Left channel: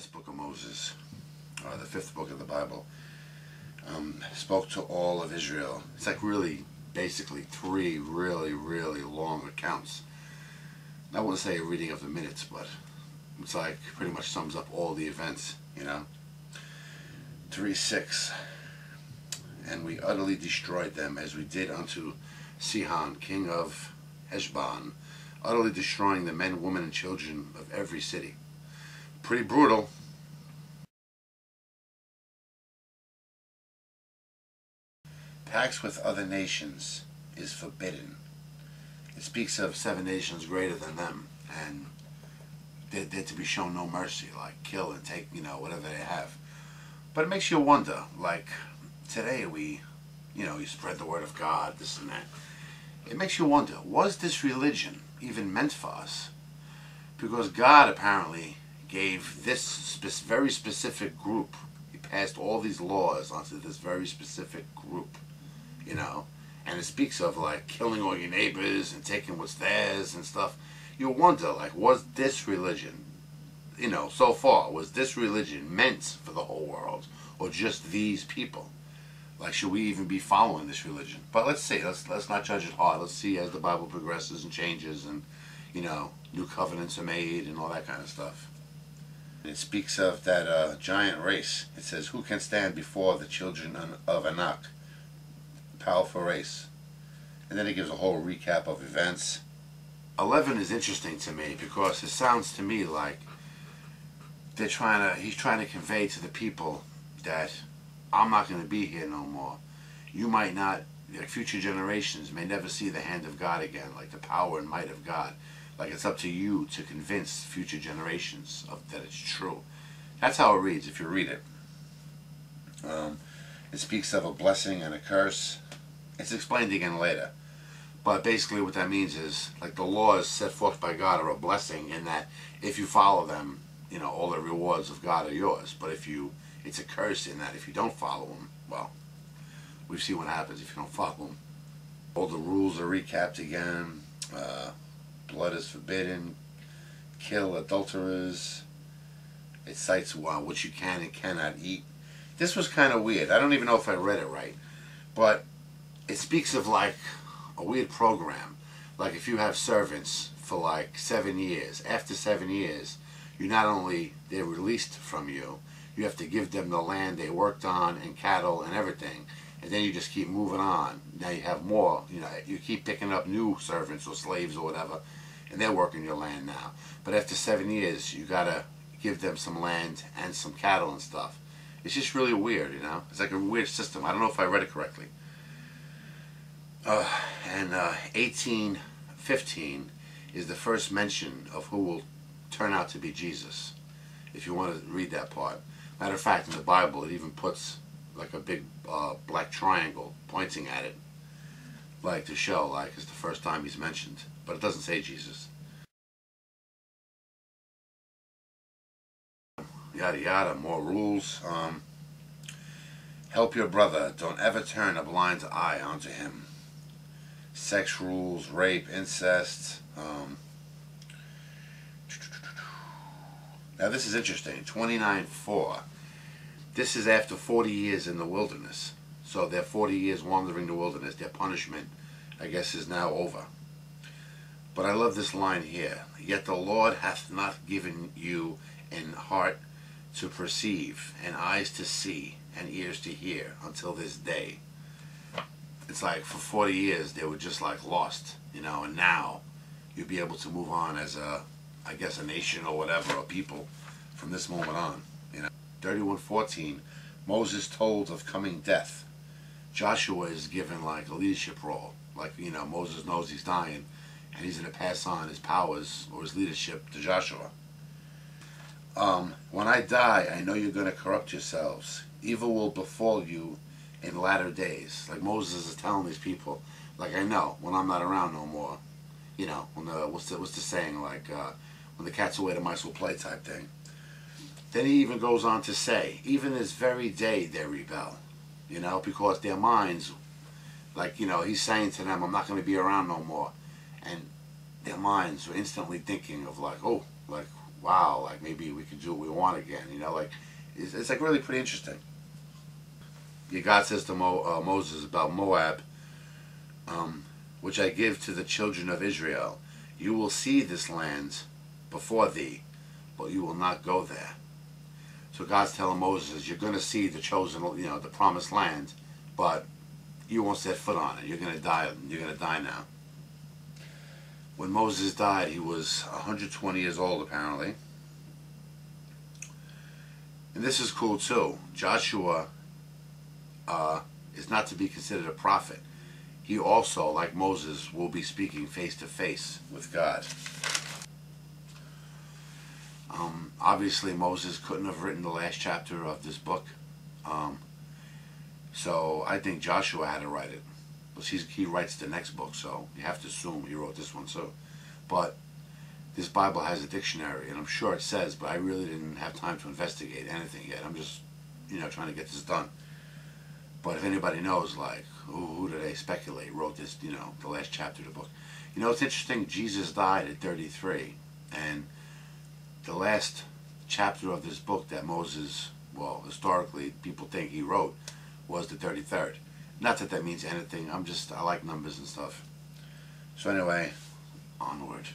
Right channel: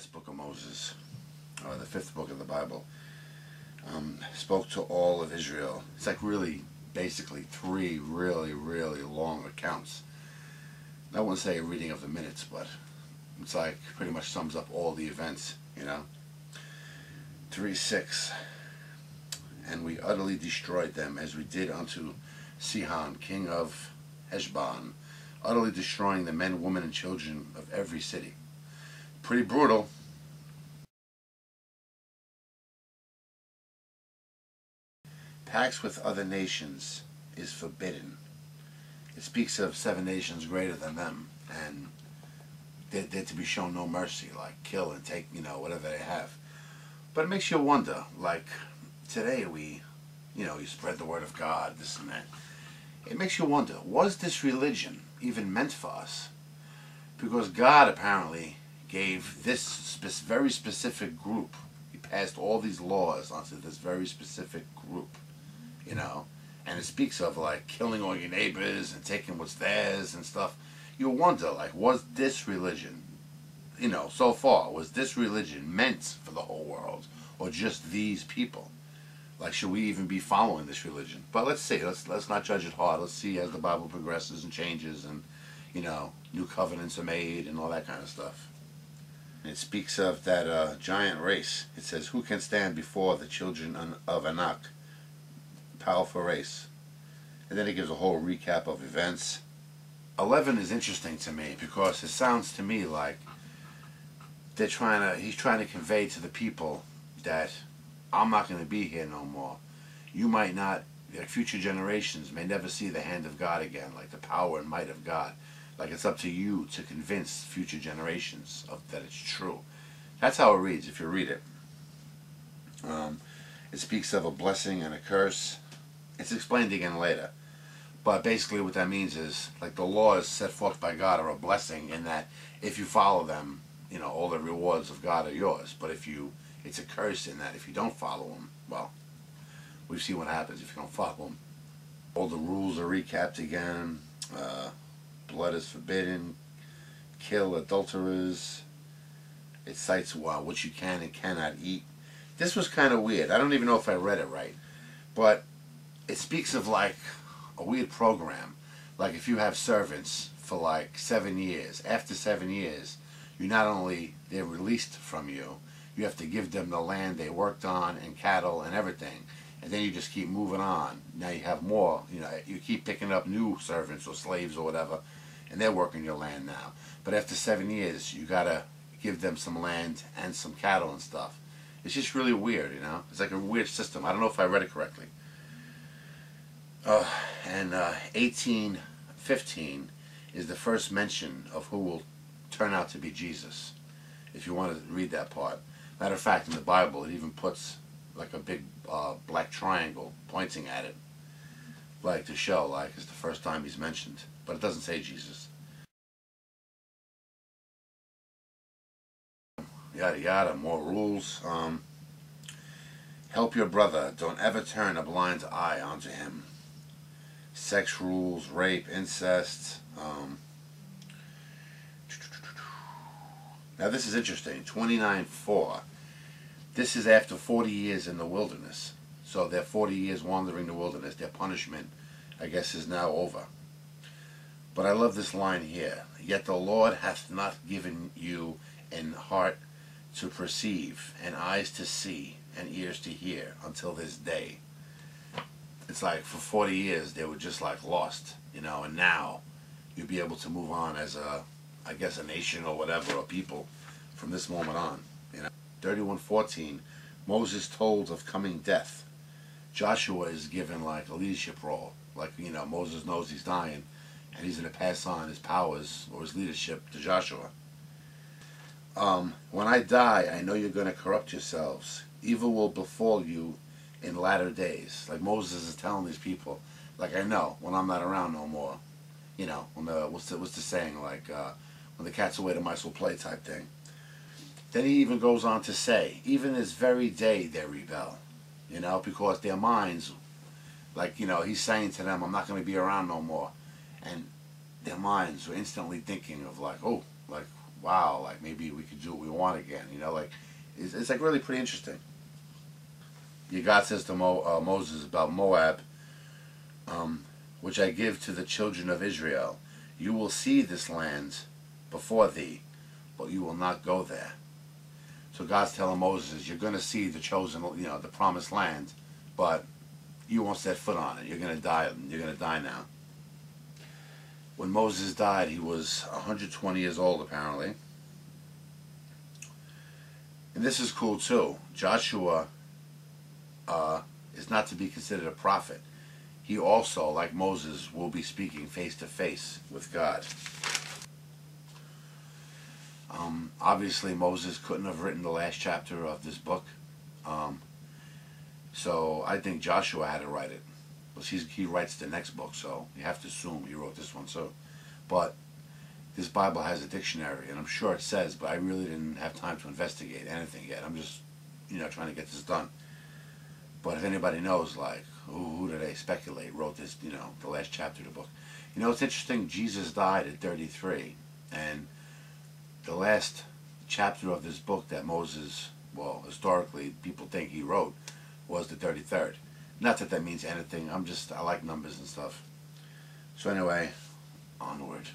last book of Moses, or the fifth book of the Bible, spoke to all of Israel. It's like really, basically three really, really long accounts. I wouldn't say a reading of the minutes, but it's like pretty much sums up all the events, you know. 3:6. And we utterly destroyed them as we did unto Sihon, king of Heshbon, utterly destroying the men, women, and children of every city. Pretty brutal. Pacts with other nations is forbidden. It speaks of 7 nations greater than them, and they're to be shown no mercy, like kill and take, you know, whatever they have. But it makes you wonder, like today you spread the word of God, this and that. It makes you wonder, was this religion even meant for us? Because God apparently gave this very specific group, he passed all these laws onto this very specific group, you know, and it speaks of like killing all your neighbors and taking what's theirs and stuff. You wonder, like, was this religion, you know, so far, was this religion meant for the whole world, or just these people? Like, should we even be following this religion? But let's see. Let's not judge it hard. Let's see as the Bible progresses and changes, and you know, new covenants are made and all that kind of stuff. And it speaks of that giant race. It says, "Who can stand before the children of Anak?" Powerful race. And then it gives a whole recap of events. 11 is interesting to me because it sounds to me like he's trying to convey to the people that I'm not going to be here no more. You might not, like future generations may never see the hand of God again, like the power and might of God. Like it's up to you to convince future generations that it's true. That's how it reads if you read it. It speaks of a blessing and a curse. It's explained again later. But basically what that means is, like, the laws set forth by God are a blessing in that if you follow them, you know, all the rewards of God are yours. But it's a curse in that if you don't follow them, well, we've seen what happens if you don't follow them. All the rules are recapped again. Blood is forbidden. Kill adulterers. It cites what you can and cannot eat. This was kind of weird. I don't even know if I read it right. But it speaks of like a weird program. Like if you have servants for like 7 years, after 7 years, they're released from you. You have to give them the land they worked on and cattle and everything. And then you just keep moving on. Now you have more, you know, you keep picking up new servants or slaves or whatever, and they're working your land now. But after 7 years, you gotta give them some land and some cattle and stuff. It's just really weird, you know? It's like a weird system. I don't know if I read it correctly. And 18:15 is the first mention of who will turn out to be Jesus, if you want to read that part. Matter of fact, in the Bible, it even puts like a big black triangle pointing at it, like to show like it's the first time he's mentioned, but it doesn't say Jesus. Yada yada, more rules. Help your brother. Don't ever turn a blind eye onto him. Sex rules, rape, incest. Now this is interesting. 29:4. This is after 40 years in the wilderness. So they're 40 years wandering the wilderness. Their punishment, I guess, is now over. But I love this line here. Yet the Lord hath not given you an heart to perceive, and eyes to see, and ears to hear, until this day. It's like for 40 years they were just like lost, you know, and now you'll be able to move on as I guess a nation or whatever, or people from this moment on, you know. 31:14, Moses told of coming death. Joshua is given like a leadership role. Like, you know, Moses knows he's dying, and he's going to pass on his powers or his leadership to Joshua. When I die, I know you're going to corrupt yourselves. Evil will befall you in latter days. Like Moses is telling these people, like, I know when I'm not around no more, you know, when what's the saying, like when the cat's away the mice will play type thing. Then he even goes on to say, even this very day they rebel, you know, because their minds, like, you know, he's saying to them, I'm not going to be around no more, and their minds were instantly thinking of like, oh, like, wow, like maybe we could do what we want again. Like it's like really pretty interesting. God says to Moses about Moab, which I give to the children of Israel. You will see this land before thee, but you will not go there. So God's telling Moses, you're going to see the chosen, the promised land, but you won't set foot on it. You're going to die. You're going to die now. When Moses died, he was 120 years old, apparently. And this is cool, too. Joshua is not to be considered a prophet. He also, like Moses, will be speaking face to face with God. Obviously, Moses couldn't have written the last chapter of this book. So I think Joshua had to write it. But he writes the next book, so you have to assume he wrote this one too. But this Bible has a dictionary, and I'm sure it says, but I really didn't have time to investigate anything yet. I'm just, trying to get this done. But if anybody knows, like, who do they speculate wrote this, the last chapter of the book? It's interesting, Jesus died at 33, and the last chapter of this book that Moses, well, historically, people think he wrote, was the 33rd. Not that that means anything, I like numbers and stuff. So anyway, onward.